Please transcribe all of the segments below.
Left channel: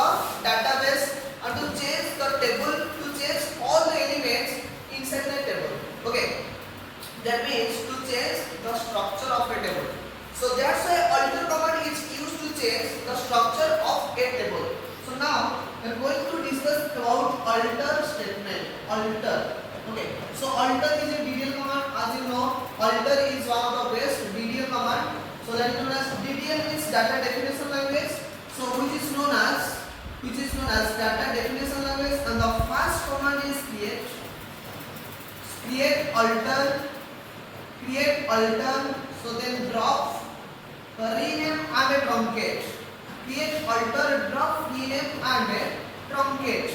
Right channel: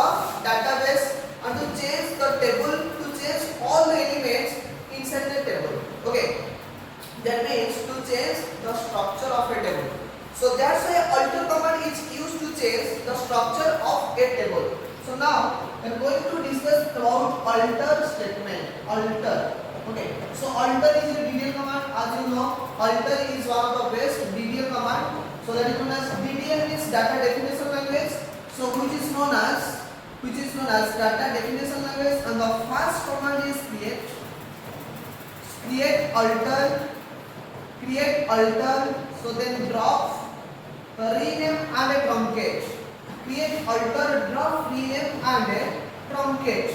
the database and to change the table, to change all the elements inside the table. Okay, that means to change the structure of a table. So that's why alter command is used to change the structure of a table. So now we are going to discuss about alter statement. Alter. Okay, so alter is a DDL command. As you know, alter is one of the best DDL command. So that is known as DDL means data definition language. So which is known as data definition language, and the first command is create alter, so then drop, rename and a truncate. Create alter, drop, rename and a truncate.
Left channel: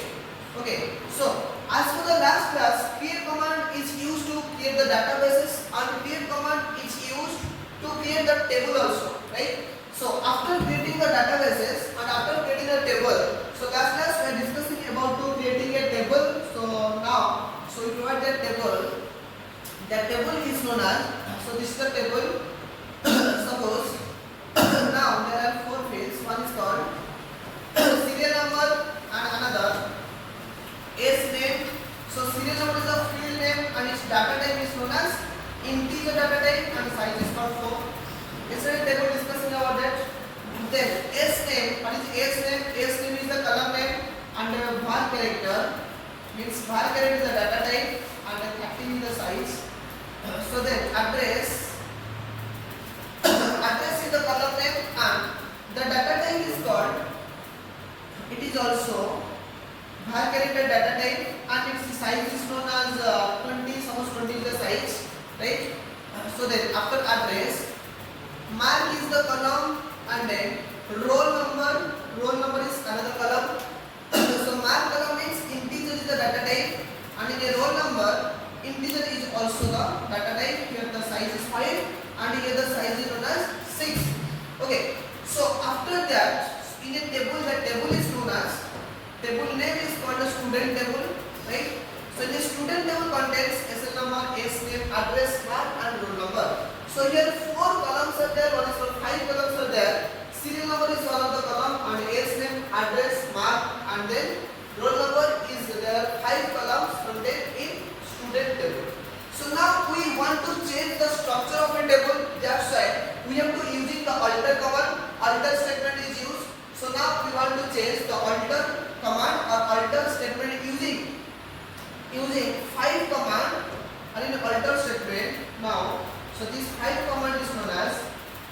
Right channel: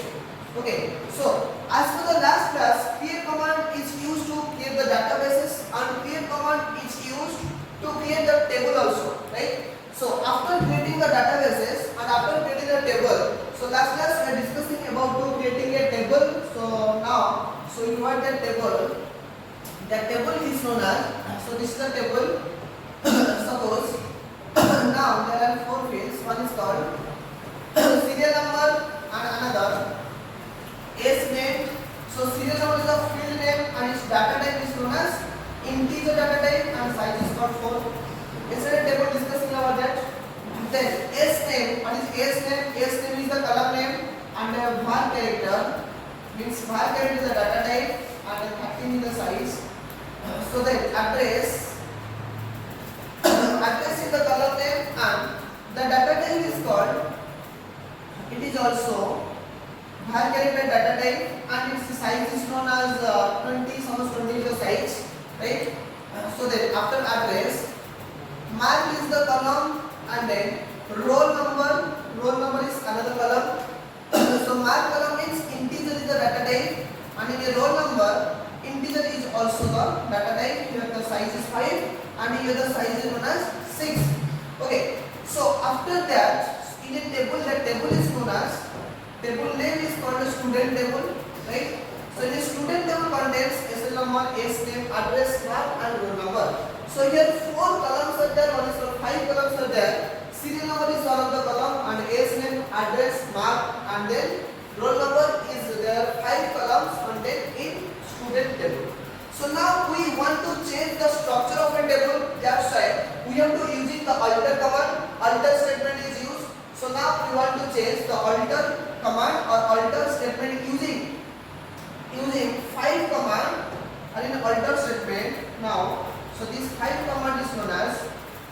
Okay, so as for the last class, create command is used to create the databases and create command is used to create the table also, right? So after creating the databases and after creating the table, so last class we are discussing about to creating a table. So now, so you write that table. That table is known as, so this is the table. Suppose now there are 4 fields. One is called serial number and another S name. So serial number is the field name and its data type is known as integer data type and size is called 4. Yesterday table discussing about that. Then S name, what is S name? S name is the column name and var character means var character is the data type and 13 is the size. So then address is the column name and the data type is called, it is also var character data type and its size is known as 20, suppose 20 is the size, right? So then after address, mark is the column and then roll number is another column. So mark column means integer is the data type and in a roll number integer is also the data type. Here the size is 5 and here the size is known as 6. Okay, so after that in a table, the table is known as, table name is called a student table, right? So in a student table contains SL number, S name, address, mark and roll number. So here 4 columns are there, one is for 5 columns are there. Serial number is one of the column and S name, address, mark and then roll number is there. 5 columns contained in student table. So now we want to change the structure of a table. That's why we have to using the alter command. Alter statement is used. So now we want to change the alter command or alter statement using 5 command and in alter statement. Now, so this 5 command is known as,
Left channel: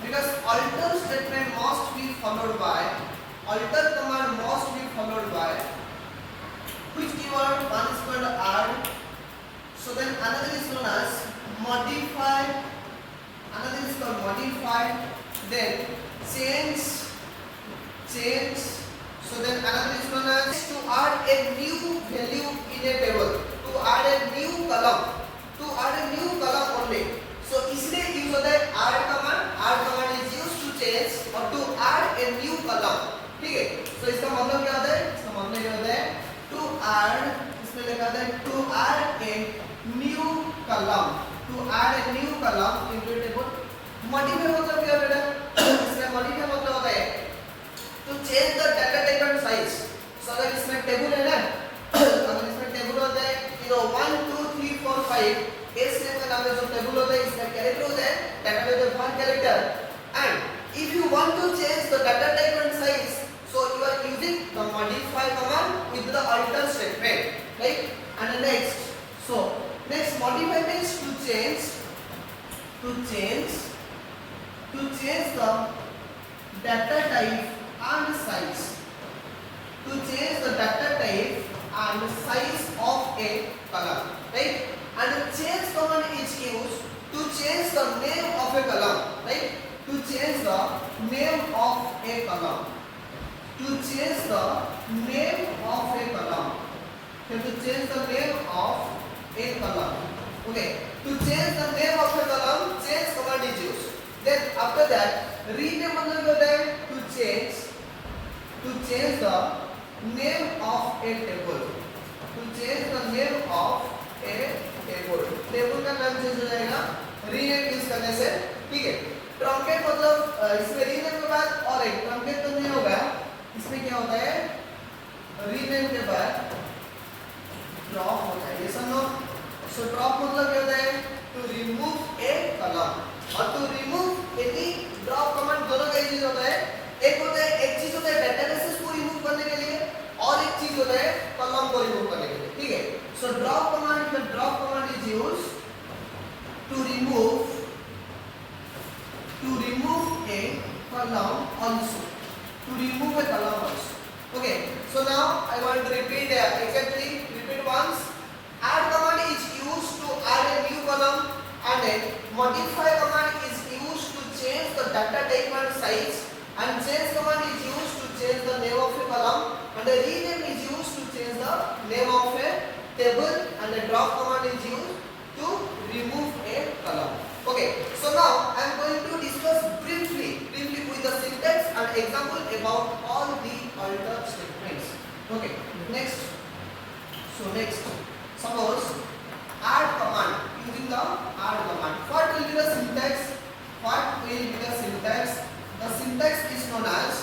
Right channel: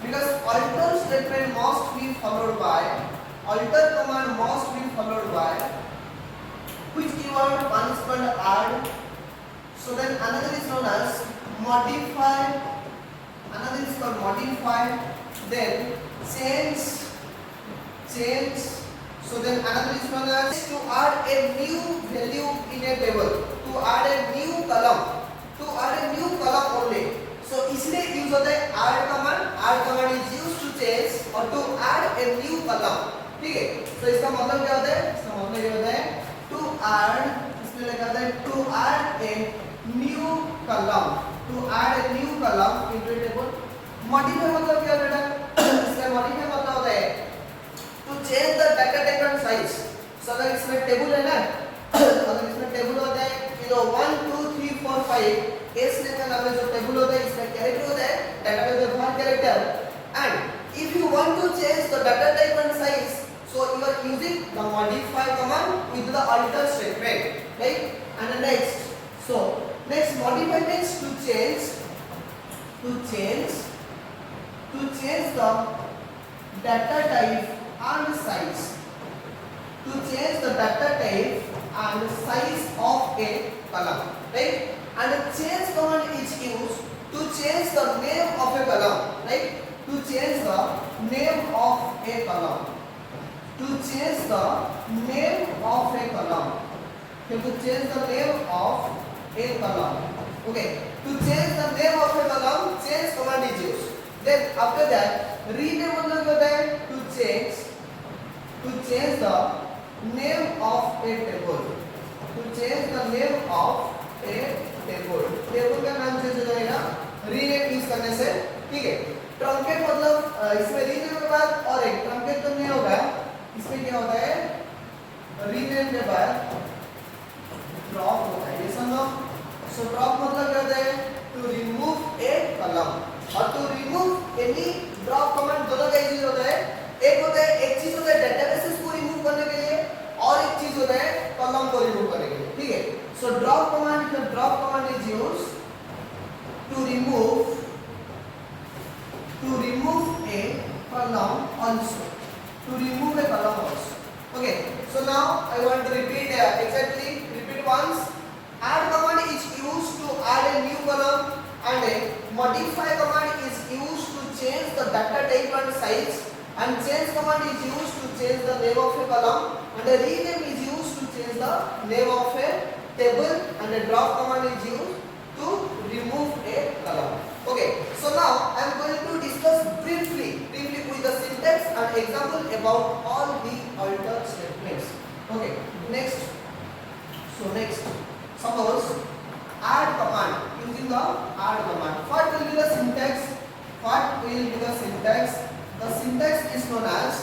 because alter statement must be followed by, alter command must be followed by which keyword? One is called add. So then another is known as modify, another is called modify, then change. So then another is known as to add a new value in a table, to add a new column only. So इसलिए यूज होता है add command is used to change or to add a new column. ठीक है, तो इसका मतलब क्या होता है? इसका मतलब क्या होता है? To add, इसमें लिखा होता है to add a new column into a table. Modify मतलब क्या बेटा? इसका modify मतलब होता है to change the data type and size. So अगर इसमें टेबल है ना, अगर इसमें टेबल होता है 1 2 3 4 5, S name का नाम जो टेबल होता है इसमें कैरेक्टर होता है, डाटा टाइप है one character, and if you want to change the data type and size, so you are using the modify command with the alter statement, right? And next modify means to change the data type and size, to change the data type and size of a column, right? And change command is used to change the name of a column, right? To change the name of a column, to change the name of a column, to change the name of a column. Okay, to change the name of a column, change command is used. Then after that, rename मतलब क्या होता है? To change the name of a table, to change the name of a table. Table का नाम चेंज हो जाएगा rename use करने से, ठीक है? ट्रंकेट मतलब इसमें रीनेम के बाद और एक ट्रंकेट तो नहीं होगा, इसमें क्या होता है रीनेम के बाद ड्रॉप होता है, ये समझो। सो ड्रॉप मतलब क्या होता है? टू रिमूव ए कॉलम और to remove any drop command, दोनों का यूज होता है। एक होता है, एक चीज होता है डेटाबेसेस को रिमूव करने के लिए और एक चीज होता है कॉलम को रिमूव करने के लिए, ठीक है। So drop command, the drop command is used to remove a column also, to remove a column also. Okay, so now I want to repeat repeat once. Add command is used to add a new column, and a modify command is used to change the data type and size, and change command is used to change the name of a column, and a rename is used to change the name of a table, and a drop command is used to remove a column. Okay, so now I am going to discuss briefly with the syntax and example about all the alter statements. Okay, next. So next, suppose add command, using the add command. What will be the syntax? The syntax is known as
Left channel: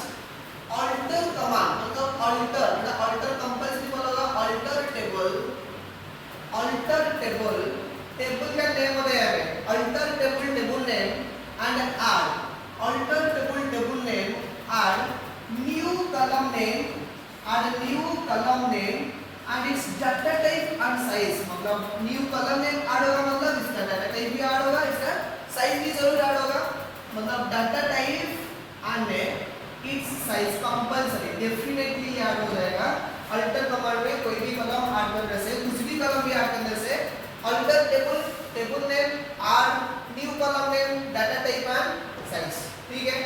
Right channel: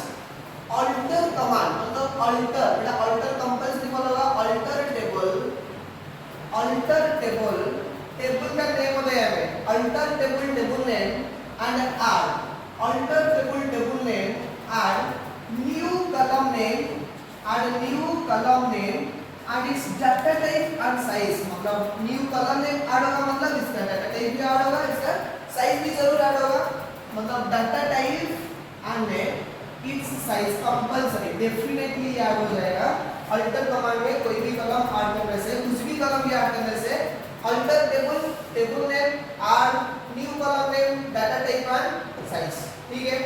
alter command. मतलब alter compulsory होगा, alter table का name होता है हमें alter table name and add alter table name add new column name and it's data type and size. मतलब new column name add होगा, मतलब इसका डाटा टाइप भी ऐड होगा, इसका साइज भी जरूर ऐड होगा। मतलब data type and its size compulsory definitely add हो जाएगा। अल्टर कमांड में कोई भी कॉलम ऐड करने से, कुछ भी कॉलम भी ऐड करने से alter table name add new column name data type and size, ठीक है।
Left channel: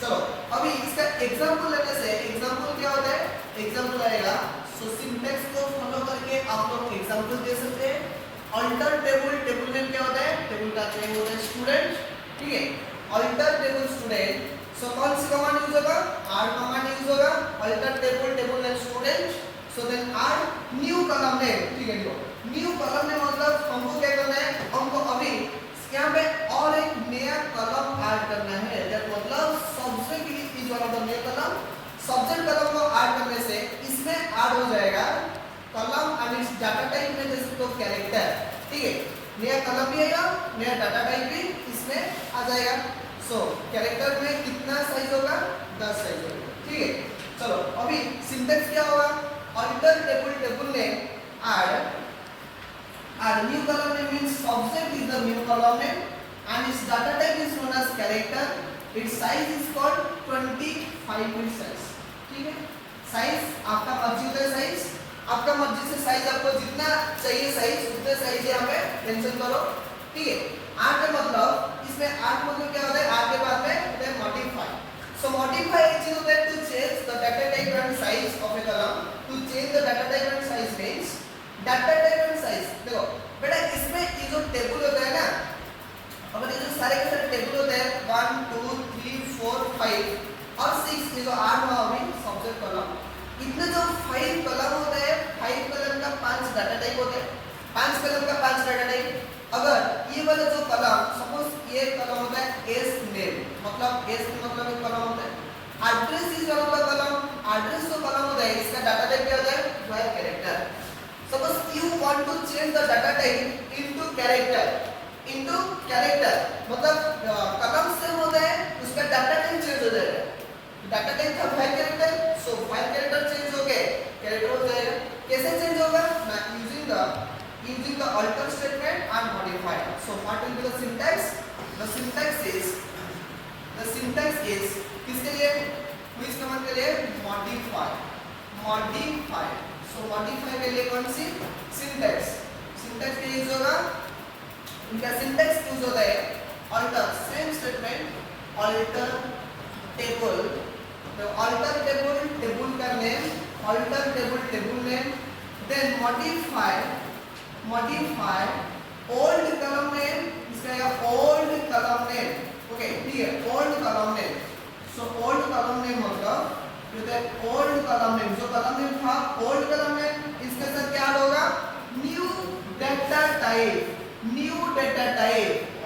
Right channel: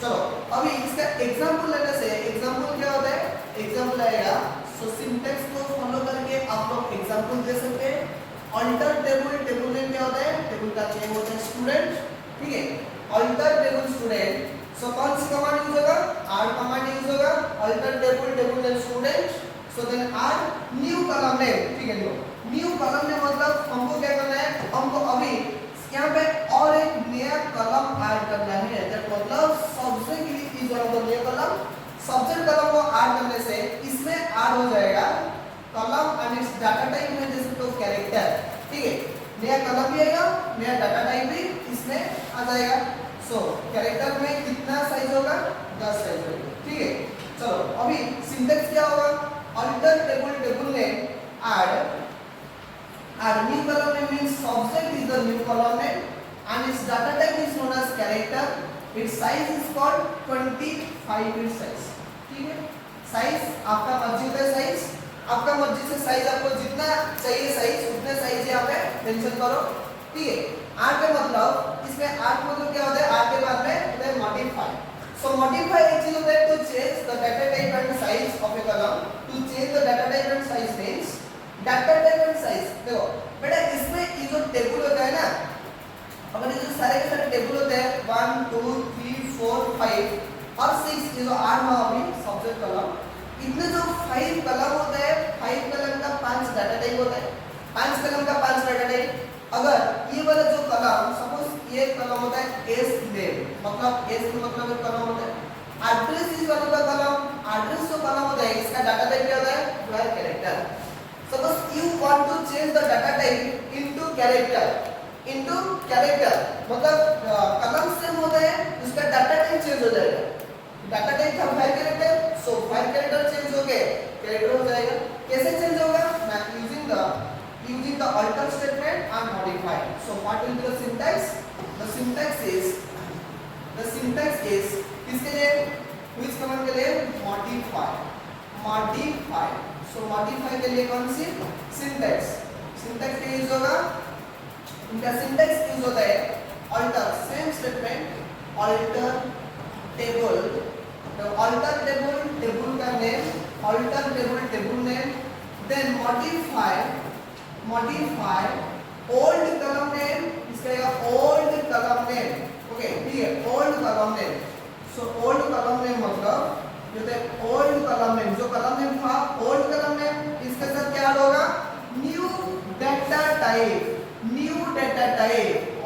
चलो अभी इसका एग्जांपल लेने से, एग्जांपल क्या होता है? एग्जांपल आएगा, सो सिंटैक्स को फॉलो करके आप लोग एग्जांपल दे सकते हैं। अल्टर टेबल नेम क्या होता है? टेबल का नेम होता है स्टूडेंट, ठीक है। अल्टर टेबल स्टूडेंट, सो कौन सी कमांड यूज होगा? ऐड कमांड यूज होगा। Alter table name student, so then add new column name, ठीक है। न्यू कॉलम नेम मतलब हमको क्या करना है? हमको अभी यहाँ पे और एक नया कॉलम ऐड करना है। दैट मतलब subject is one of the new column. Subject column को ऐड करने से इसमें ऐड हो जाएगा column and it's data type में जैसे तो कैरेक्टर, ठीक है। नया कॉलम भी आएगा, नया डाटा टाइप भी इसमें आ जाएगा। सो कैरेक्टर में कितना साइज होगा? 10 साइज होगा, ठीक है। चलो अभी सिंटैक्स क्या होगा? Alter table name add new column name means subject is the new column name and its data type is known as character. Its size is called 25 bit size, ठीक है। साइज आपका मर्जी होता है, साइज आपका मर्जी से साइज आपको जितना चाहिए साइज उतने साइज यहाँ पे मेंशन करो, ठीक है। आर का मतलब, इसमें आर का मतलब क्या होता है? आर के बाद में होता है मॉडिफाई। सो मॉडिफाई एक चीज होता है to change the data type and size of a column. To change the data type and size means data type and size. देखो बेटा, इसमें ये जो टेबल होता है ना, अपन ये जो सारे के सारे टेबल होते हैं 1 2 3 4 5 और 6, ये जो 8 हुआ अभी सब्जेक्ट कॉलम, इतने जो 5 कॉलम होते हैं, 5 कॉलम का 5 डाटा टाइप होता है, 5 कॉलम का 5 डाटा टाइप। अगर ये वाला जो कॉलम, सपोज ये कॉलम होता है एस नेम, मतलब एस मतलब एक कॉलम होता है। Address is one of the column. Address जो कॉलम होता है इसका डाटा टाइप क्या होता है? Wire character. Suppose you want to change the data type into character, मतलब कॉलम सेम होता है, उसका डाटा टाइप चेंज हो जाएगा। डाटा टाइप था फाइल कैरेक्टर, सो फाइल कैरेक्टर चेंज हो गए कैरेक्टर हो जाएगा। कैसे चेंज होगा? using the alter statement and modify. So what will be the syntax? The syntax is किसके लिए? which command के लिए? modify। तो मॉडिफाई के लिए कौन सी? सिंटैक्स। सिंटैक्स क्या यूज होगा? इनका सिंटैक्स यूज होता है alter, same statement alter table, तो अल्टर टेबल का name, alter table name, then modify old column name, इसका ओल्ड कॉलम नेम, ओके ठीक है, old column name. So old column name मतलब ओल्ड कॉलम नेम, जो column name था old column name, इसके साथ क्या ऐड होगा? New data type.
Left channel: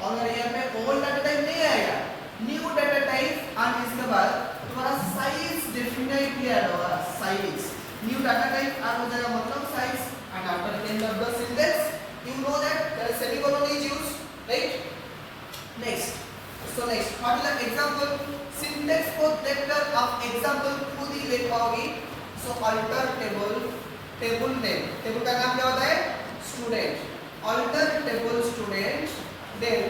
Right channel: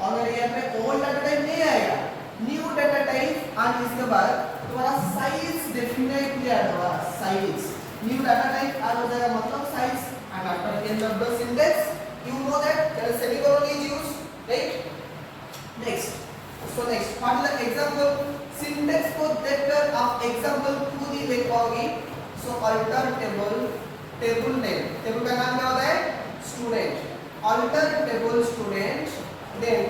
अगर यहाँ पे ओल्ड डाटा टाइप नहीं आएगा, न्यू डाटा टाइप, और इसके बाद तुम्हारा साइज डेफिनेटली ऐड होगा। Size new data type add हो जाएगा मतलब size and after end of the syntax you know that semicolon is used right next so next what is the example syntax को देखकर आप एग्जांपल खुद ही लिख पाओगे so alter table name table का नाम क्या होता है student alter table student then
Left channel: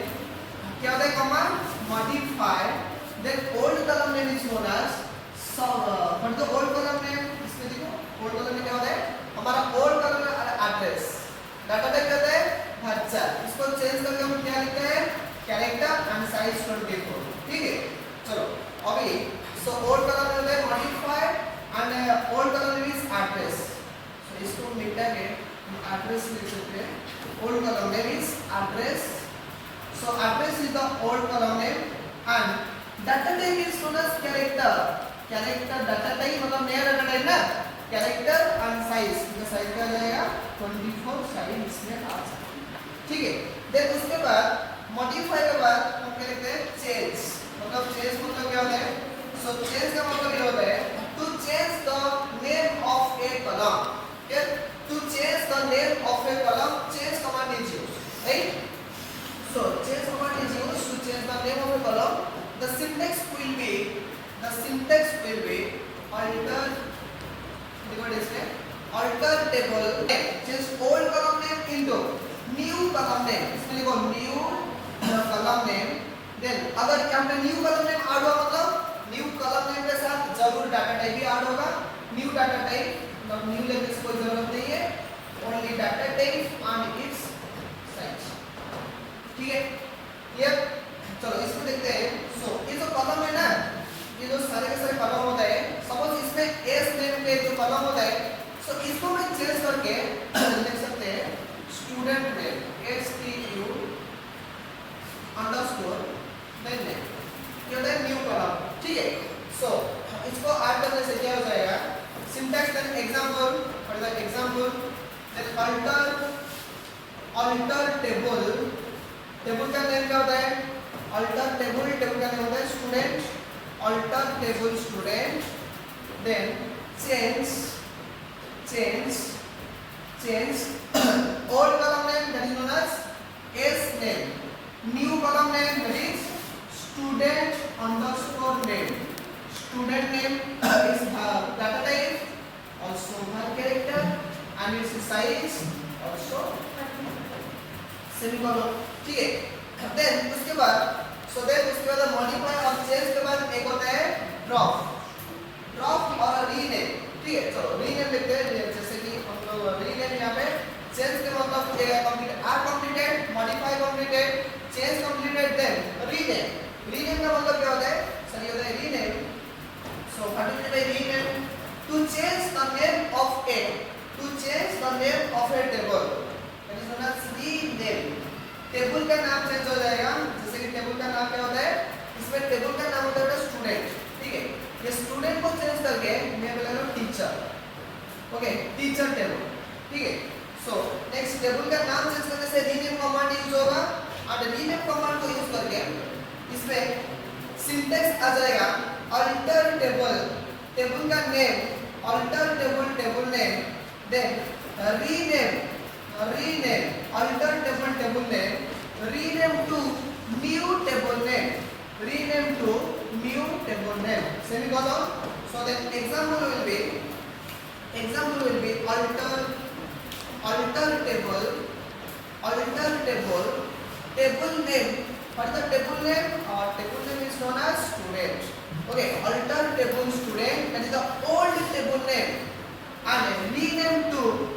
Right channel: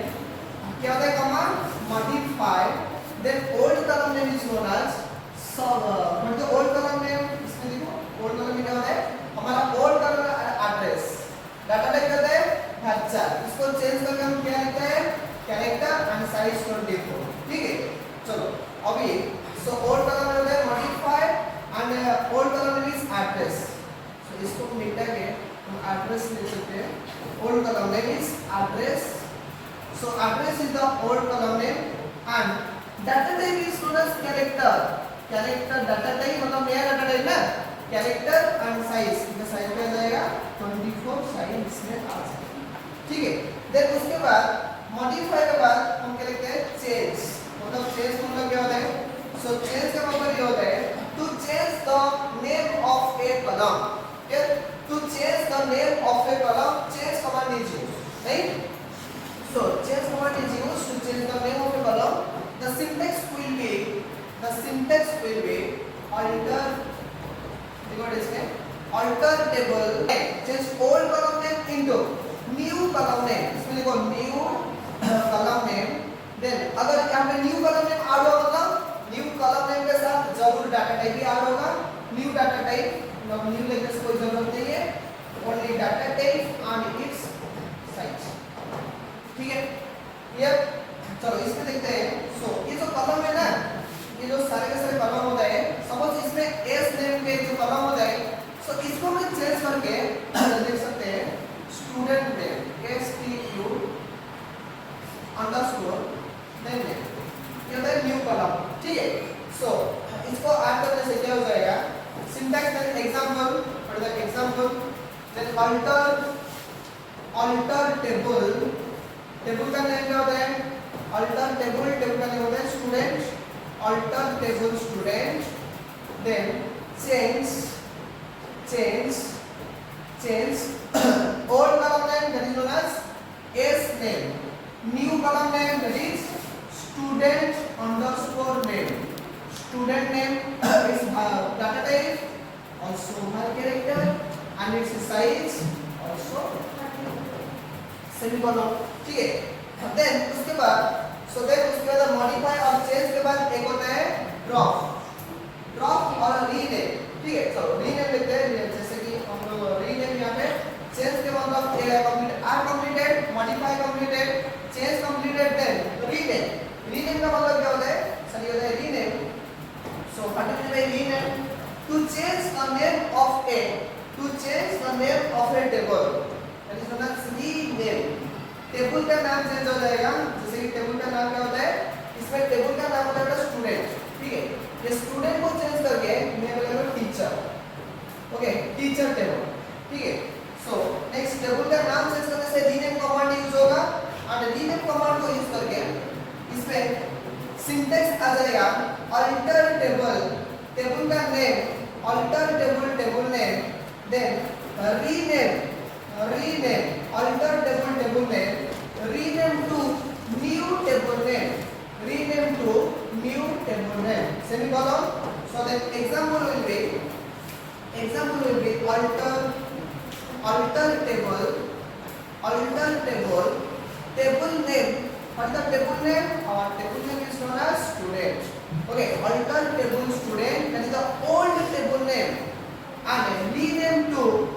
क्या होता है command modify then old column name is known as what the old column name इसमें देखो ओल्ड कॉलम में क्या होता है हमारा old column address data type करता है varchar इसको चेंज करके हम क्या लिखते हैं कैरेक्टर एंड साइज 24 ठीक है चलो अभी सो ओल्ड कॉलम में होता है modify and old column name is address so इसको मिटा के हम एड्रेस लिख सकते हैं old column name is address so address is the old column name and data type is known as character data type मतलब नया data type ना character and size इसका size क्या आ जाएगा 24 size इसमें आ जाएगा ठीक है देन उसके बाद modify के बाद हम क्या लिखते हैं change मतलब change मतलब क्या होता है so change का मतलब ये होता है to change the name of a column okay to change the name of a column change command is used right so change command is used to change the name of a column the syntax will be alter what is it alter table change old column name into new column name इसमें लिखो new column name then अगर यहाँ पे new column name add होगा मतलब new column name के साथ जरूर डाटा टाइप भी ऐड होगा new data type मतलब new लिखने से कोई जरूरत नहीं है only data type and its size ठीक है ये चलो इसमें देखते हैं सो ये जो कॉलम है ना ये जो सारे के सारे कॉलम होता है सपोज इसमें एस नेम पे जो कॉलम होता है सो इसको मैं चेंज करके लिख सकते हैं student name S T U underscore name ये होता है न्यू कॉलम ठीक है सो इसको ऐड करने से क्या हो जाएगा syntax then example for the example then alter table का नेम क्या होता है अल्टर टेबल का नेम होता है student alter table student then change old column name that is known as as name new column name that is student underscore name student name is data type also हर character and its size also semicolon ठीक है देन उसके बाद उसके बाद मॉडिफाई और चेंज के बाद एक होता है ड्रॉप और रीनेम ठीक है चलो रीनेम लिखते हैं जैसे कि हम लोग रीनेम यहाँ पे चेंज के मतलब complete or completed modify completed change completed then rename का मतलब क्या होता है सर ये होता है rename so particularly rename to change the name of a table that is known as rename table का नाम चेंज हो जाएगा जैसे कि टेबल का नाम क्या होता है इसमें टेबल का नाम होता है स्टूडेंट ठीक है ये स्टूडेंट को चेंज करके मैं बोलूंगा टीचर ओके टीचर टेबल ठीक है सो नेक्स्ट टेबल का नाम चेंज करने से रीनेम कमांड यूज होगा और रीनेम कमांड को यूज करके इसमें सिंटैक्स आ जाएगा अल्टर टेबल का name alter table name then rename alter table name rename to new table name semicolon so then example will be alter table name what the table name our table name is known as student okay alter table student that is the old table name and rename to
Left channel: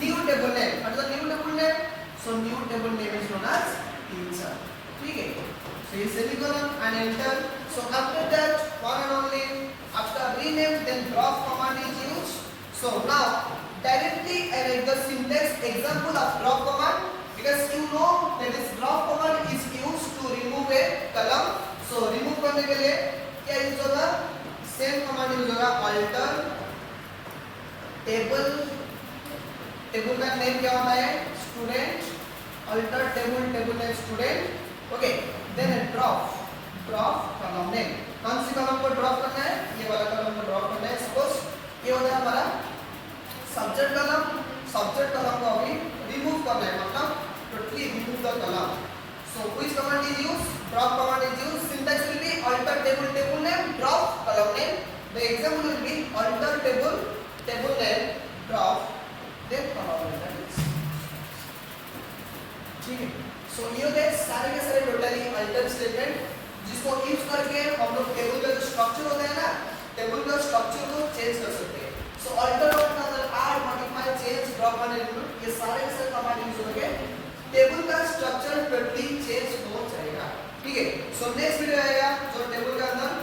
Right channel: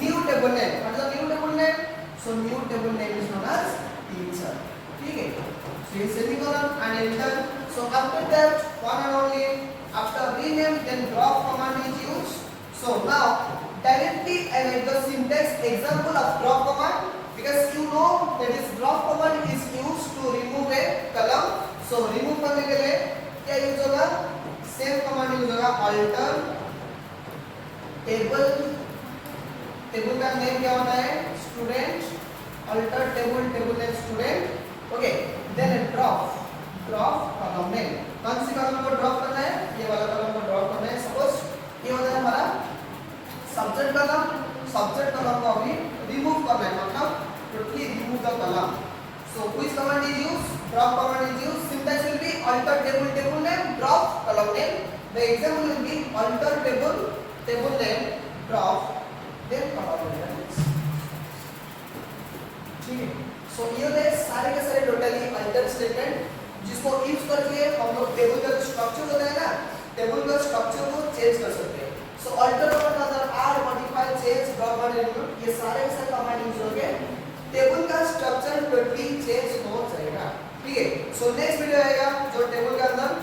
new table name what is the new table name so new table name is known as teacher ठीक है so in semicolon and enter so after that one and only after rename then drop command is used so now directly I write the syntax example of drop command because you know that this drop command is used to remove a column so remove करने के लिए क्या use होगा same command use होगा alter table का name क्या होता है student alter table name student okay then drop drop column name. कौन सी कॉलम को ड्रॉप करना है? ये वाला कॉलम को ड्रॉप करना है। सपोज ये होता है हमारा सब्जेक्ट कॉलम। सब्जेक्ट कॉलम को अभी रिमूव करना है, मतलब totally remove the column. So which command is used? Drop command is used. Syntax will be alter table name, drop column name. The example will be alter table name, drop then column name. ठीक है। So ये होते हैं सारे के सारे totally alter statement, जिसको यूज करके हम लोग टेबल का जो स्ट्रक्चर होता है ना, टेबल का स्ट्रक्चर को चेंज कर सकते हैं। So alter का मतलब add, modify, change, drop और remove, ये सारे के सारे कमांड यूज होंगे। टेबल का स्ट्रक्चर टोटली चेंज हो जाएगा। ठीक है। सो नेक्स्ट वीडियो आएगा जो टेबल के अंदर